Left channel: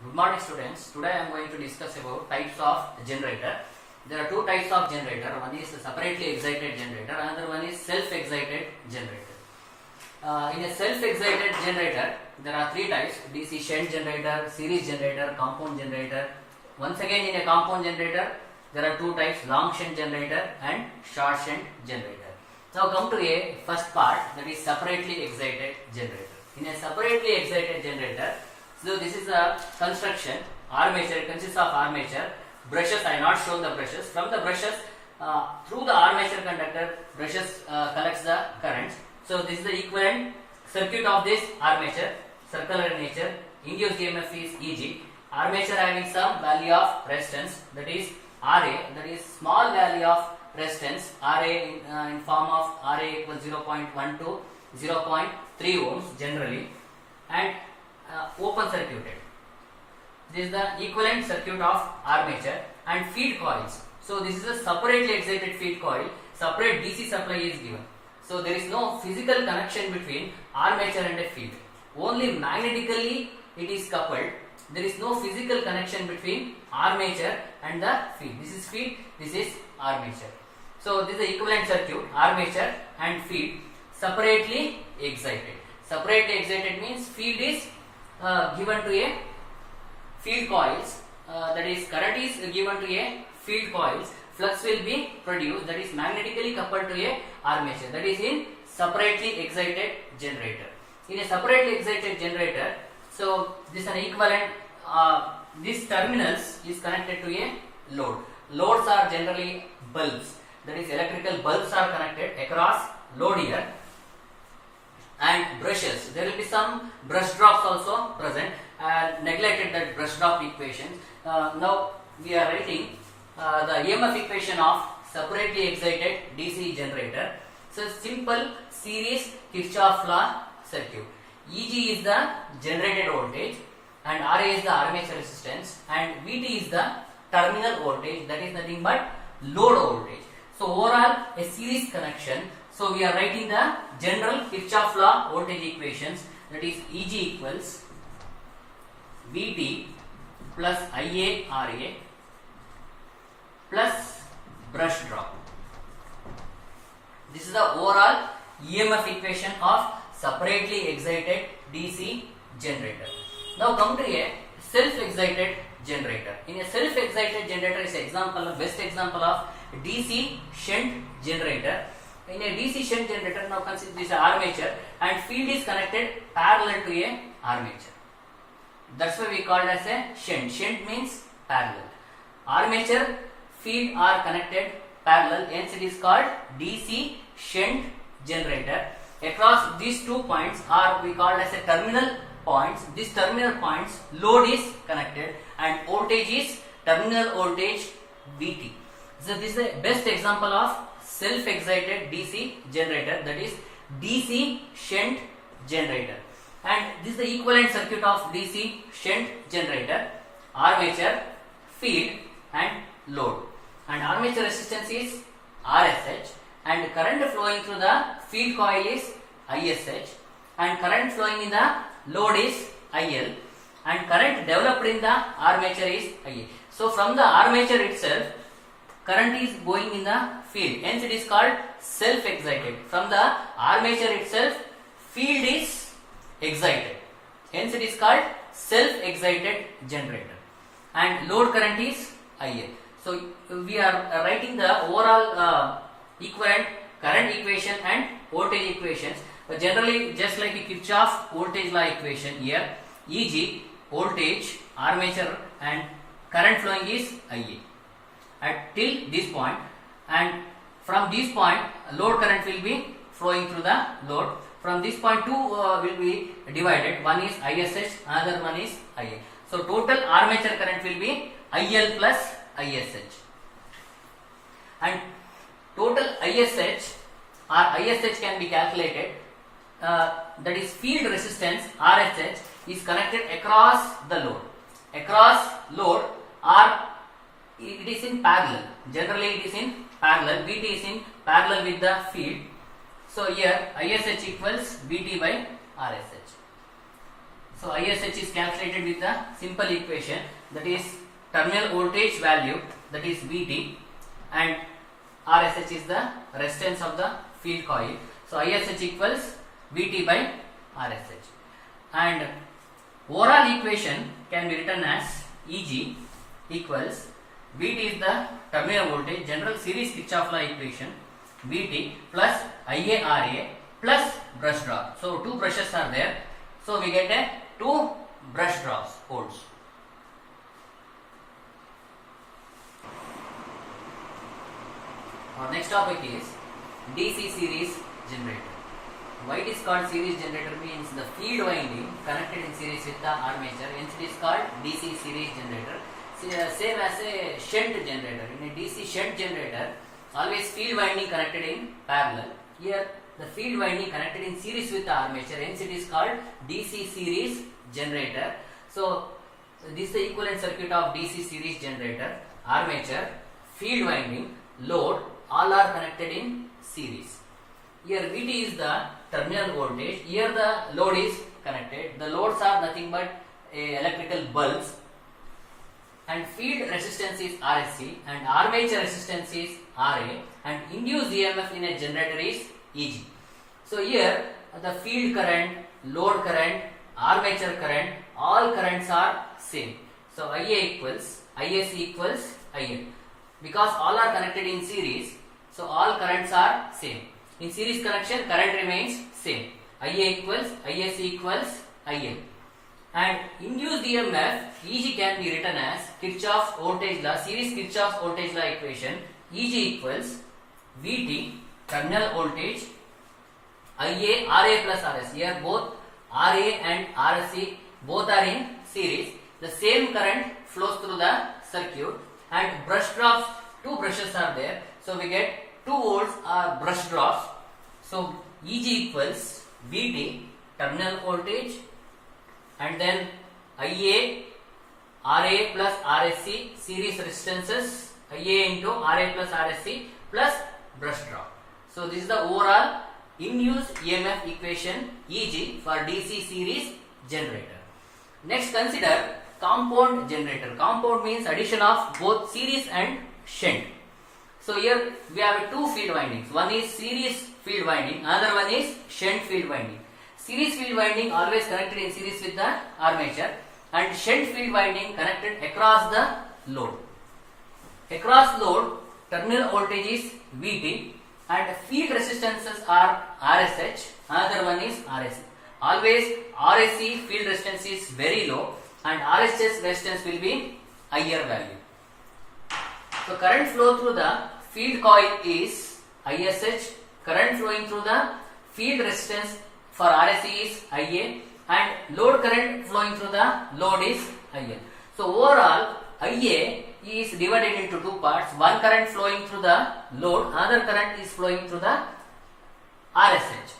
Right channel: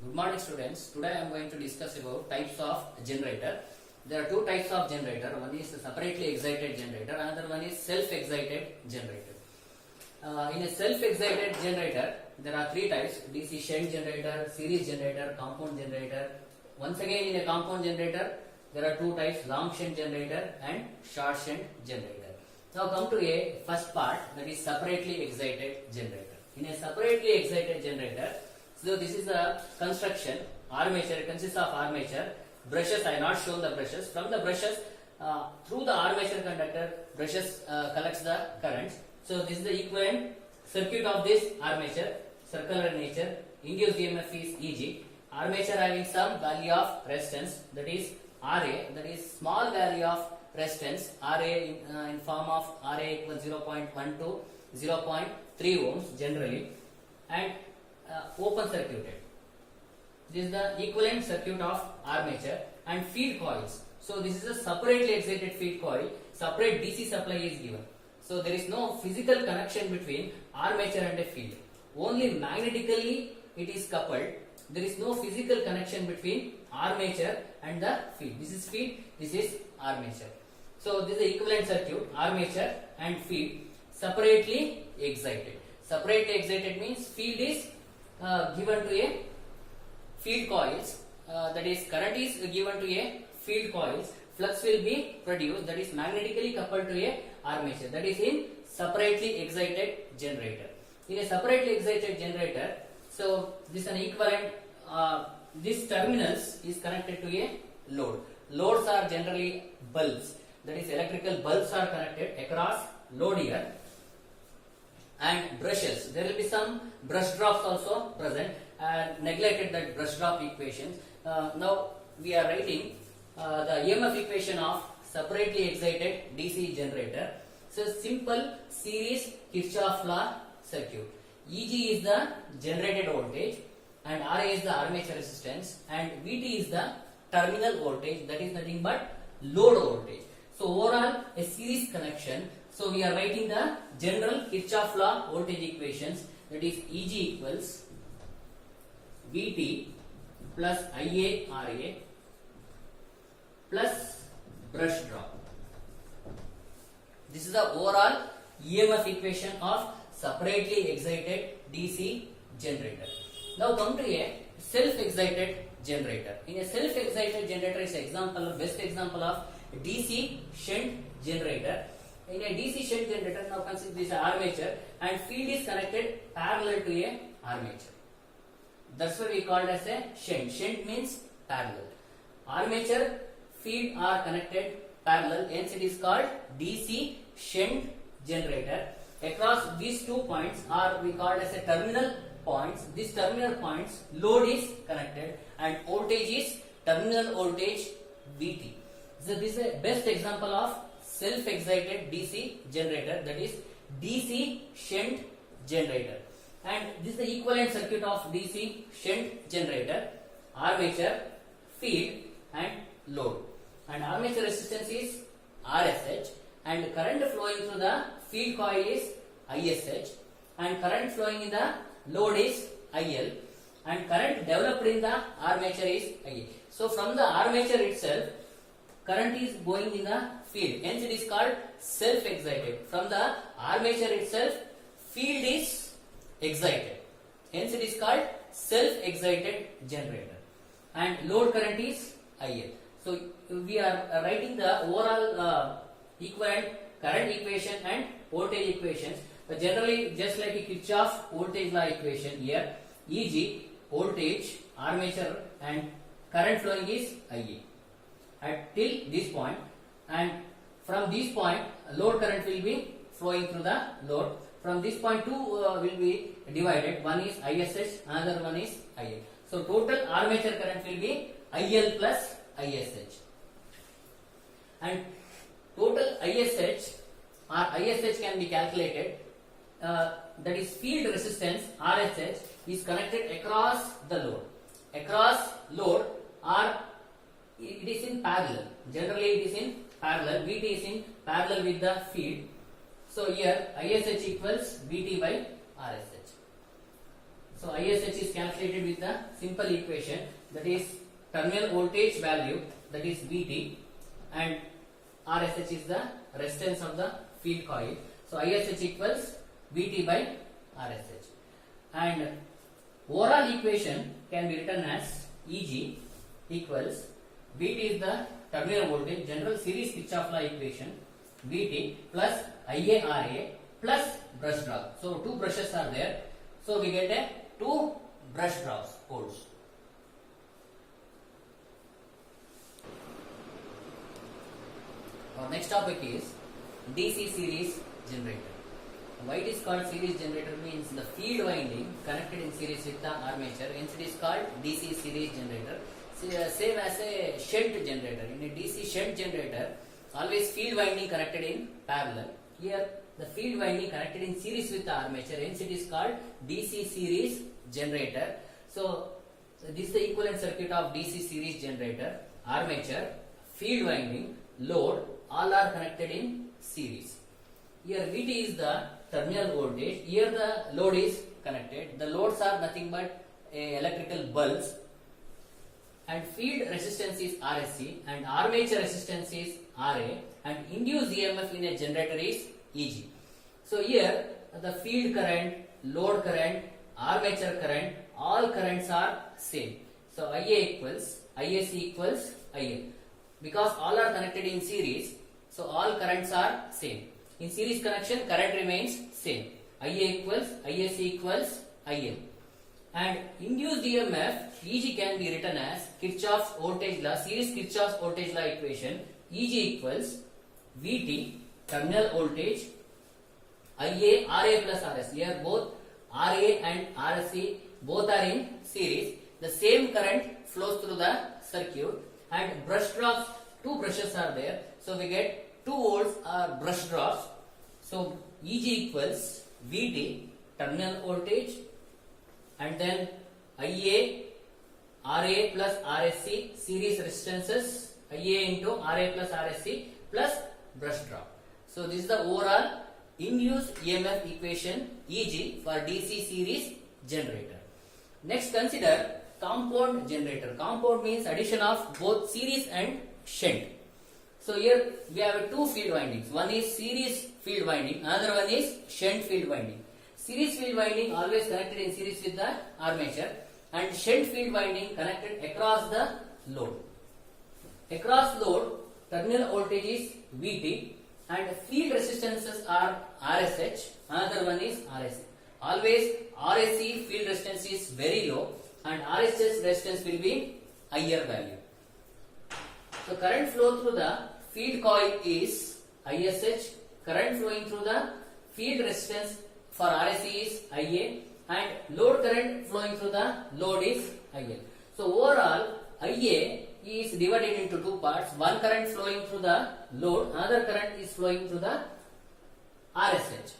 Good morning students. Today I am going to discuss about types of generator. There are two types of generator. One is separately excited generator, another one is self-excited generator. In a self-excited generator, there are three types: DC shunt generator, series generator, compound generator. Once again, in a compound generator, there are two types: long shunt generator and short shunt generator. Now come to a first part, that is separately excited generator. In a separately excited generator, so this is a construction. Armature consists of armature. Brushes, I have not shown the brushes. From the brushes, through the armature conductor, brushes collects the currents. So this is the equivalent circuit of this armature, circular nature. Induced EMF is Eg. Armature having some value of resistance, that is Ra, that is small value of resistance, Ra in form of Ra equals 0.1 to 0.3 ohms generally, and open circuited. This is the equivalent circuit of armature. And feed coils. So this is a separately excited feed coil. Separate DC supply is given. So there is no physical connection between armature and a field. Only magnetically it is coupled. There is no physical connection between armature and the field. This is field, this is armature. So this is the equivalent circuit, armature and field separately excited. Separately excited means field is given to a field coils, that is current is given to a field coils, flux will be produced, that is magnetically coupled to a armature, that is in separately excited generator. In a separately excited generator, so this is an equivalent, this terminals is connected to a load. Loads are generally bulbs, that is electrical bulbs are connected across load here. And brushes, there will be some brush drops also present. Neglected that brush drop equations. Now we are writing the EMF equation of separately excited DC generator. So simple series Kirchhoff law circuit. Eg is the generated voltage and Ra is the armature resistance and Vt is the terminal voltage, that is nothing but load voltage. So overall a series connection. So we are writing the general Kirchhoff law voltage equations, that is Eg equals Vt plus Ia Ra plus brush drop. This is the overall EMF equation of separately excited DC generator. Now come to a self-excited generator. In a self-excited generator is example, best example of DC shunt generator. In a DC shunt generator, now consider this armature and field is connected parallel to a armature. That's why we call it as a shunt. Shunt means parallel. Armature, field are connected parallel, hence it is called DC shunt generator. Across these 2 points are we called as a terminal points. These terminal points, load is connected and voltage is terminal voltage Vt. So this is the best example of self-excited DC generator, that is DC shunt generator. And this is the equivalent circuit of DC shunt generator: armature, field and load. And armature resistance is RSH and current flowing through the field coil is ISH and current flowing in the load is IL and current developed in the armature is IA. So from the armature itself, current is going in the field, hence it is called self-excited. From the armature itself, field is excited, hence it is called self-excited generator. And load current is IL. So we are writing the overall equivalent current equation and voltage equations. But generally, just like a Kirchhoff voltage law equation here, Eg voltage, armature and current flowing is Ia at till this point, and from this point load current will be flowing through the load. From this point two will be divided. One is ISH, another one is IA. So total armature current will be IL plus ISH, and total ISH or ISH can be calculated. That is field resistance RSH is connected across the load. Across load or it is in parallel. Generally it is in parallel. Vt is in parallel with the field. So here ISH equals Vt by RSH. So ISH is calculated with the simple equation, that is terminal voltage value, that is Vt, and RSH is the resistance of the field coil. So ISH equals Vt by RSH, and overall equation can be written as Eg equals Vt is the terminal voltage, general series Kirchhoff law equation, Vt plus IaRa plus brush drop. So two brushes are there, so we get a two brush drops holes. Our next topic is DC series generator. Why it is called series generator means the field winding connected in series with the armature, hence it is called DC series generator. Same as a shunt generator. In a DC shunt generator, always field winding connected in parallel. Here the field winding connected in series with the armature, hence it is called DC series generator. So this is the equivalent circuit of DC series generator. Armature, field winding, load, all are connected in series. Here Vt is the terminal voltage, here the load is connected. The loads are nothing but electrical bulbs, and field resistance is Rse and armature resistance is Ra, and induced EMF in a generator is Eg. So here the field current, load current, armature current, all currents are same. So Ia equals Isc equals IL. Because all are connected in series, so all currents are same. In series connection, current remains same. Ia equals Isc equals IL. And induced EMF Eg can be written as Kirchhoff's voltage law, series Kirchhoff's voltage law equation. Eg equals Vt, terminal voltage, Ia Ra plus Rs. Here both Ra and Rse both are in series. The same current flows through the circuit, and brush drops, two brushes are there, so we get 2 volts brush drops. So Eg equals Vt, terminal voltage, and then Ia Ra plus Rsc, series resistances, Ia into Ra plus Rsc plus brush drop. So this is the overall induced EMF equation Eg for DC series generator. Next, consider compound generator. Compound means addition of both series and shunt. So here we have two field windings. One is series field winding, another one is shunt field winding. Series field winding always connected in series with the armature, and shunt field winding connected across the load. Across load, terminal voltage is Vt and field resistances are Rsh, another one is Rs. Always Rse field resistance is very low and Rsh's resistance will be higher value. So current flow through the field coil is Ish, current flowing through the field resistance for Rse is Ia, and load current flowing through the load is IL. So overall Ia is divided into two parts, one current flowing through the load, another current is flowing through the Rsh.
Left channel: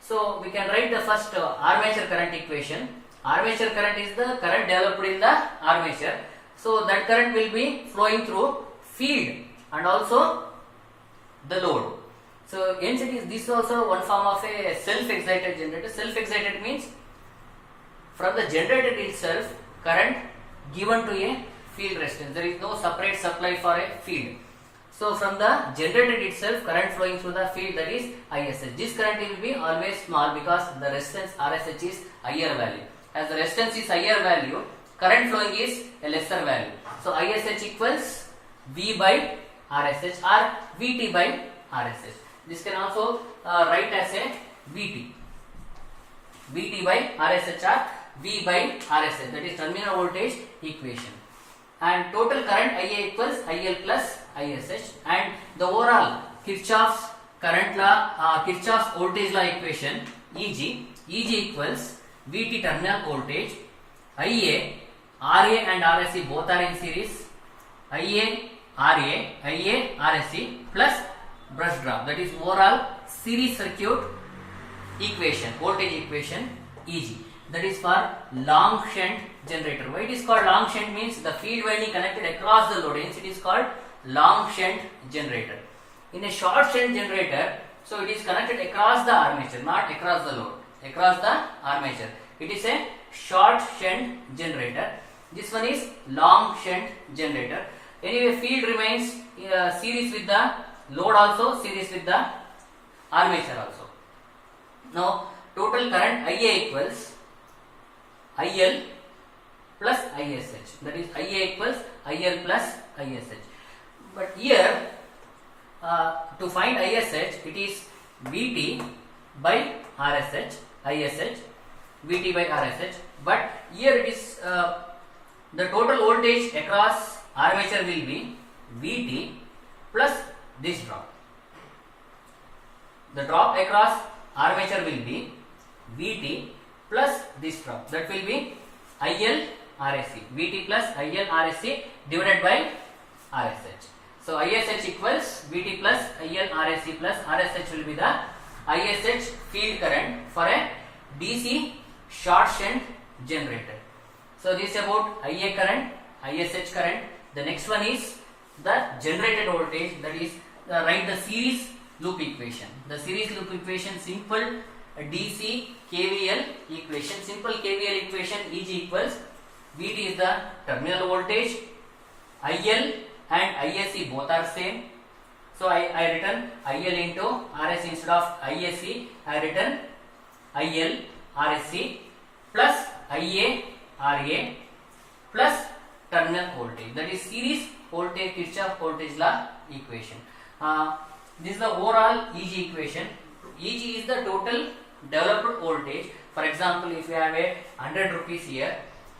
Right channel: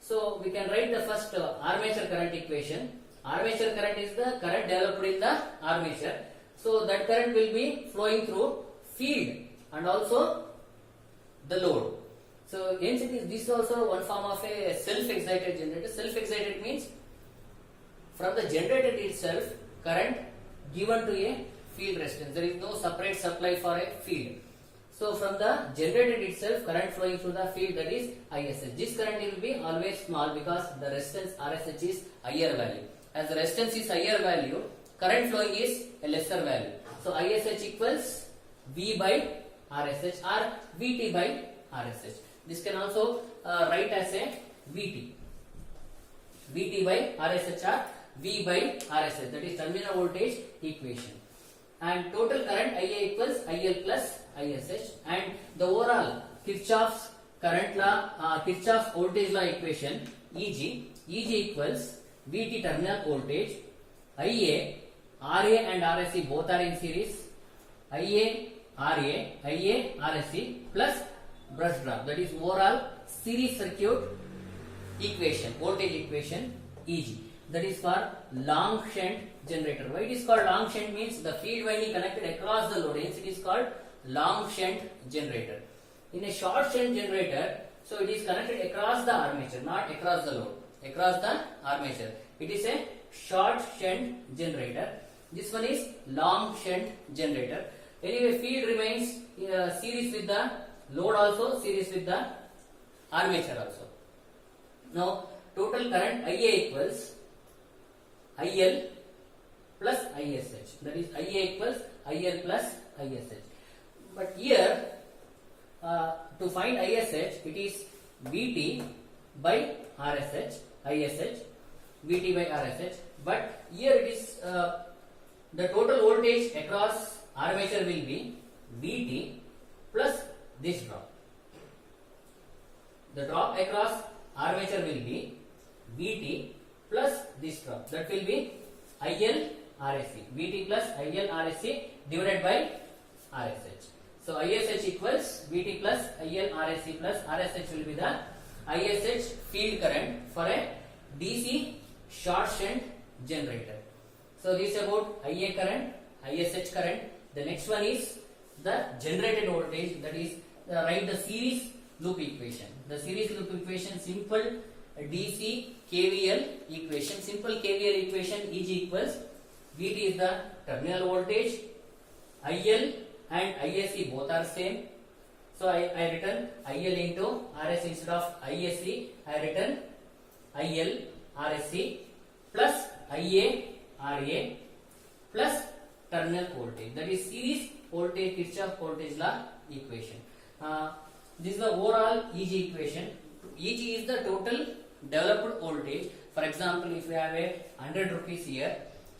So we can write the first armature current equation. Armature current is the current developed in the armature. So that current will be flowing through field and also the load. So hence it is this also one form of a self-excited generator. Self-excited means from the generator itself current given to a field resistance. There is no separate supply for a field. So from the generator itself current flowing through the field, that is Ish. This current will be always small because the resistance Rsh is higher value. As the resistance is higher value, current flowing is a lesser value. So Ish equals V by Rsh or Vt by Rsh. This can also write as a Vt. Vt by Rsh or V by Rsh, that is terminal voltage equation. And total current Ia equals IL plus Ish, and the overall Kirchhoff's current law, Kirchhoff's voltage law equation Eg equals Vt terminal voltage, Ia, Ra and Rse both are in series, Ia, Ra, Ia, Rse plus brush drop, that is overall series circuit equation, voltage equation Eg. That is for long shunt generator. Why it is called long shunt means the field winding connected across the load, hence it is called long shunt generator. In a short shunt generator, so it is connected across the armature, not across the load, across the armature. It is a short shunt generator. This one is long shunt generator. Anyway, field remains series with the load also, series with the armature also. Now total current IA equals IL plus ISH. That is IA equals IL plus ISH. But here to find ISH, it is VT by RSH, ISH, VT by RSH. But here it is the total voltage across armature will be VT plus this drop. The drop across armature will be VT plus this drop. That will be IL RSC. VT plus IL RSC divided by RSH. So ISH equals VT plus IL RSC plus RSH will be the ISH field current for a DC short shunt generator. So this is about IA current, ISH current. The next one is the generated voltage, that is write the series loop equation. The series loop equation, simple DC KVL equation. Simple KVL equation, EG equals VT is the terminal voltage, IL and ISC both are same. So I written IL into RS instead of ISC. I written IL RSC plus IA RA plus terminal voltage. That is series voltage, Kirchhoff voltage law equation. This is the overall EG equation. EG is the total developed voltage. For example, if you have a 100 rupees here,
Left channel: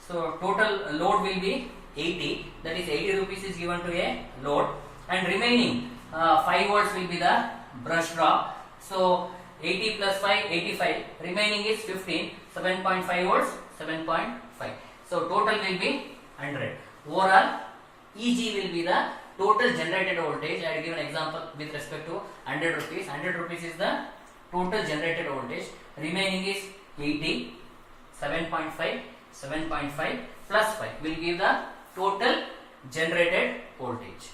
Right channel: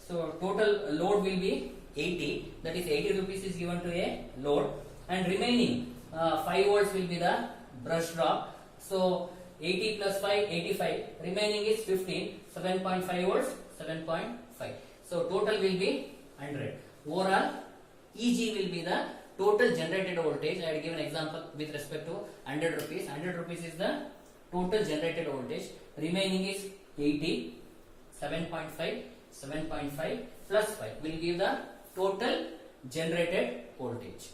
so total load will be 80. That is 80 rupees is given to a load, and remaining 5 volts will be the brush drop. So 80 plus 5, 85. Remaining is 15. 7.5 volts, 7.5. So total will be 100. Overall EG will be the total generated voltage. I will give an example with respect to 100 rupees. 100 rupees is the total generated voltage. Remaining is 80, 7.5, 7.5 plus 5 will give the total generated voltage.